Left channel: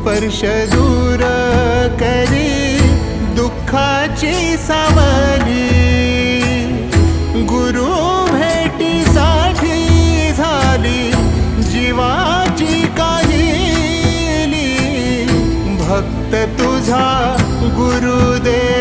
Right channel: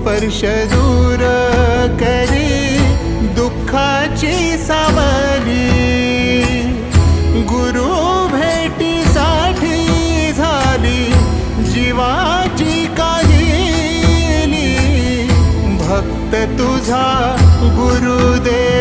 स्पर्श दूर करी दुःखाची सावली। गुरु भेटीसाठी झाली जीवाची काहिली। भक्त तुझा गुरुदेव